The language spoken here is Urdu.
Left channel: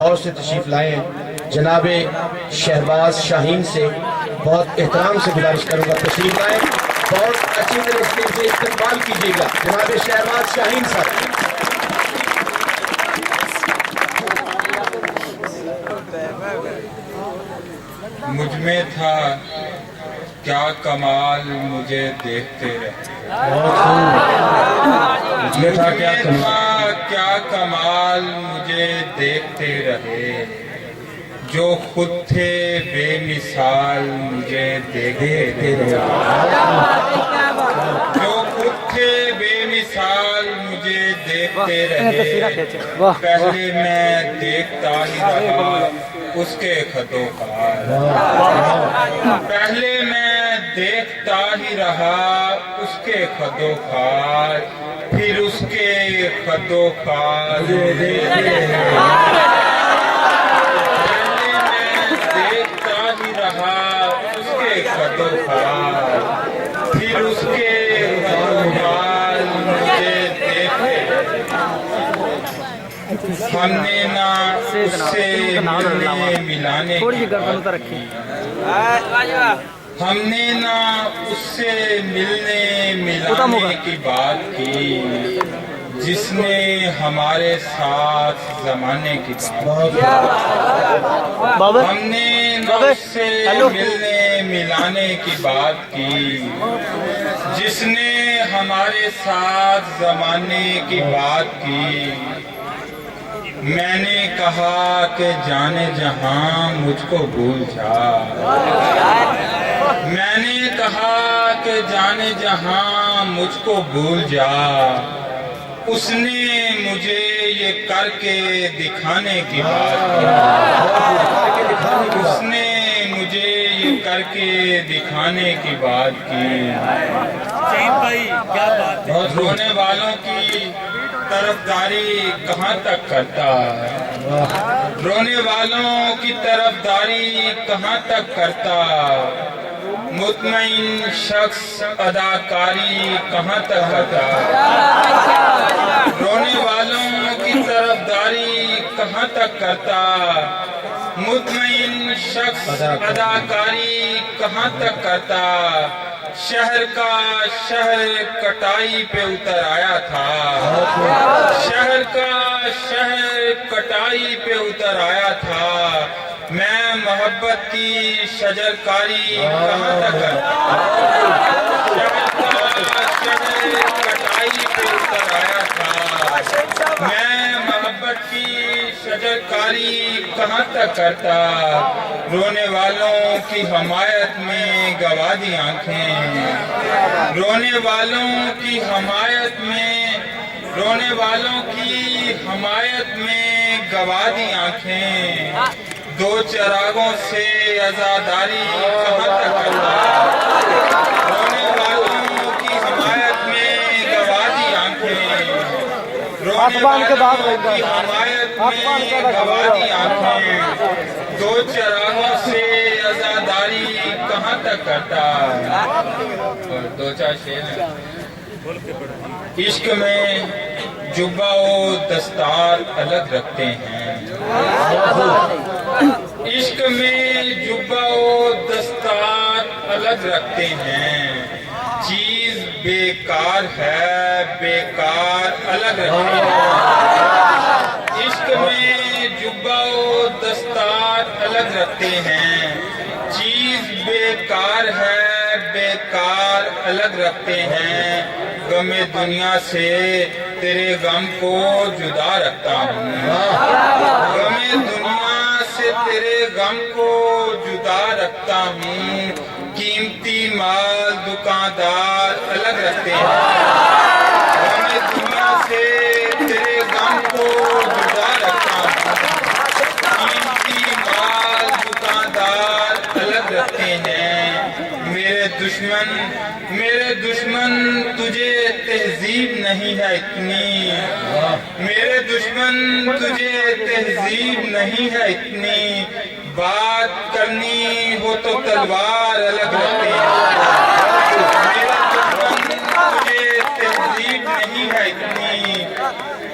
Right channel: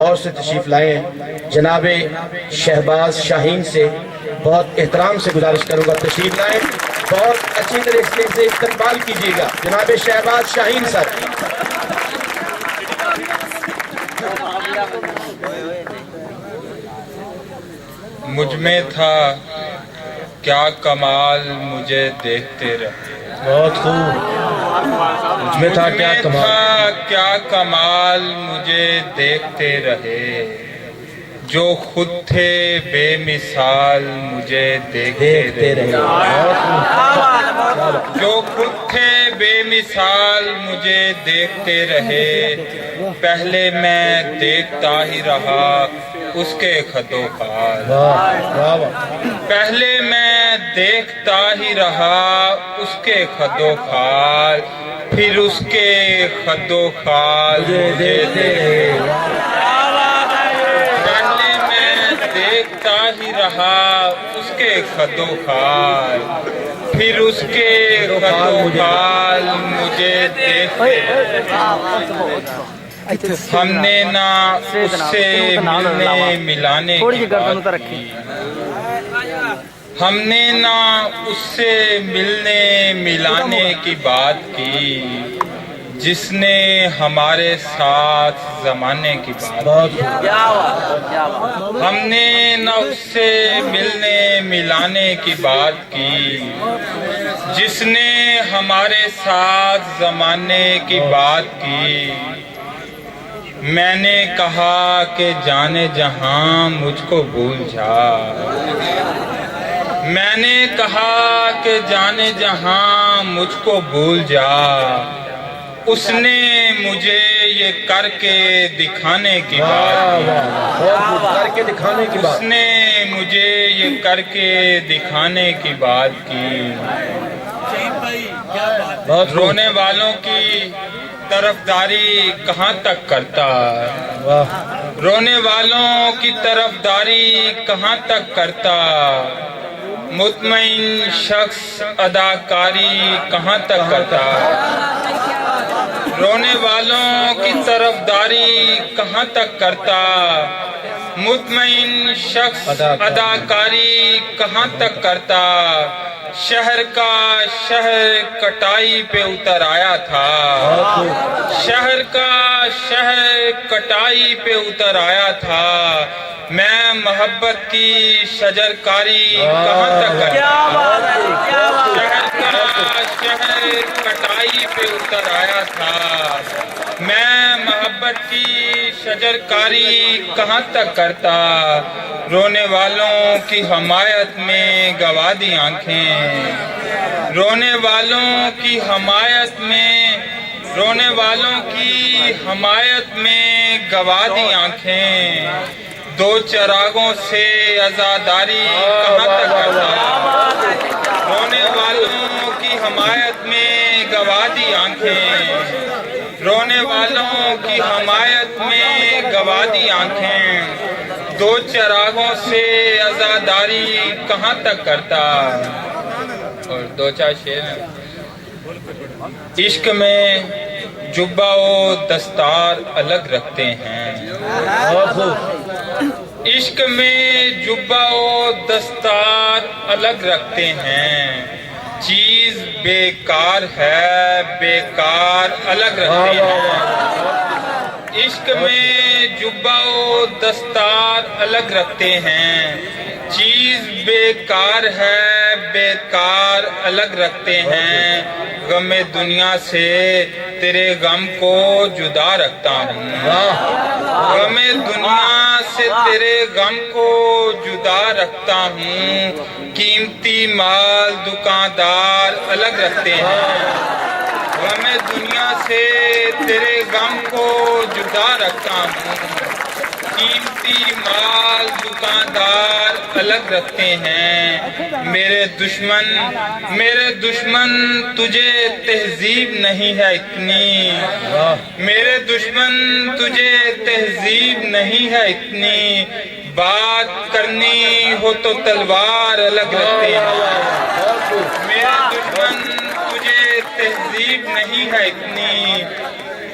اور سے تشریف لائے ہیں جناب شہباز شاہین سے بہت احترام سے گزارش کروں گا تشریف لائیں، بہت اچھی طرح اسٹیج سے استقبال کیجیے گا جناب شہباز شاہین سر۔ مجھ میں تھا کیا کمال مجھے دیکھتے رہے، بہت خوب۔ مجھ میں تھا کیا کمال مجھے دیکھتے رہے، جو خود تھے بے مثال مجھے دیکھتے رہے، جو خود تھے بے مثال مجھے دیکھتے رہے۔ پہلے میں دیکھتا ہی رہا اس کے خط و خال، پہلے میں دیکھتا ہی رہا اس کے خط و خال، پھر اس کے خط و خال مجھے پہلے میں دیکھتا ہی رہا اس کے خط و خال، پھر اس کے خط و خال مجھے دیکھتے۔ ہم نے نہ اس سے ملنے ملانے کی بات کی، ہم نے نہ اس سے ملنے ملانے کی بات کی، جس نے ہمارے ساتھ زمانے کی بات کی۔ ہم نے نہ اس سے ملنے ملانے کی بات کی، جس نے ہمارے ساتھ زمانے کی بات کی۔ میں نے کہا کہ جانے جہاں مجھ کو بھول جا، میں نے کہا کہ جانے جہاں مجھ کو بھول جا، اس نے مجھے یہ کر کے دکھانے کی بات کی، اس نے مجھے یہ کر کے دکھانے کی بات کی۔ رونے والوں کی طرفداری کہاں تک کرتا، رونے والوں کی طرفداری کہاں تک کرتا، مطمئن شخص اداکاری کہاں تک کرتا، رونے والوں کی طرفداری کہاں تک کرتا، مطمئن شخص اداکاری کہاں تک کرتا۔ شہر کا شہر کٹائی پہ اتر آیا تھا، شہر کا شہر کٹائی پہ اتر آیا تھا، میں محبت کی شجرکاری کہاں تک کرتا، شہر کا شہر کٹائی پہ اتر آیا تھا، میں محبت کی شجرکاری کہاں تک کرتا۔ رونے والوں کی حمایت میں گوا دی آنکھیں، رونے والوں کی حمایت میں، رونے والوں کی حمایت میں گوا دی آنکھیں، دو چراغوں سے عزاداری کہاں تک کرتا، رونے والوں کی حمایت میں گوا دی آنکھیں، رونے والوں کی حمایت میں گوا دی آنکھیں، دو چراغوں سے عزاداری کہاں تک کرتا۔ اور دو چار شعر ہیں۔ عشق میں جبہ و دستار الگ رکھتے ہیں، عشق میں جبہ و دستار الگ رکھتے ہیں، چیز بیکار ہے بیکار الگ رکھتے ہیں، عشق میں جبہ و دستار الگ رکھتے ہیں، چیز بیکار ہے بیکار الگ رکھتے ہیں، غم دنیا سے تیرے غم کو جدا رکھتا ہوں، غم دنیا سے تیرے غم کو جدا رکھتا ہوں، قیمتی مال دکاندار الگ رکھتے ہیں، غم دنیا سے تیرے غم کو جدا رکھتا ہوں، قیمتی مال دکاندار الگ رکھتے ہیں۔ میرے دشمن تجھے تہذیب نہیں ہے اتنی، میرے دشمن تجھے تہذیب نہیں ہے اتنی، بات کرنی ہو تو تلوار الگ رکھتے ہیں، میرے دشمن تجھے تہذیب نہیں ہے اتنی،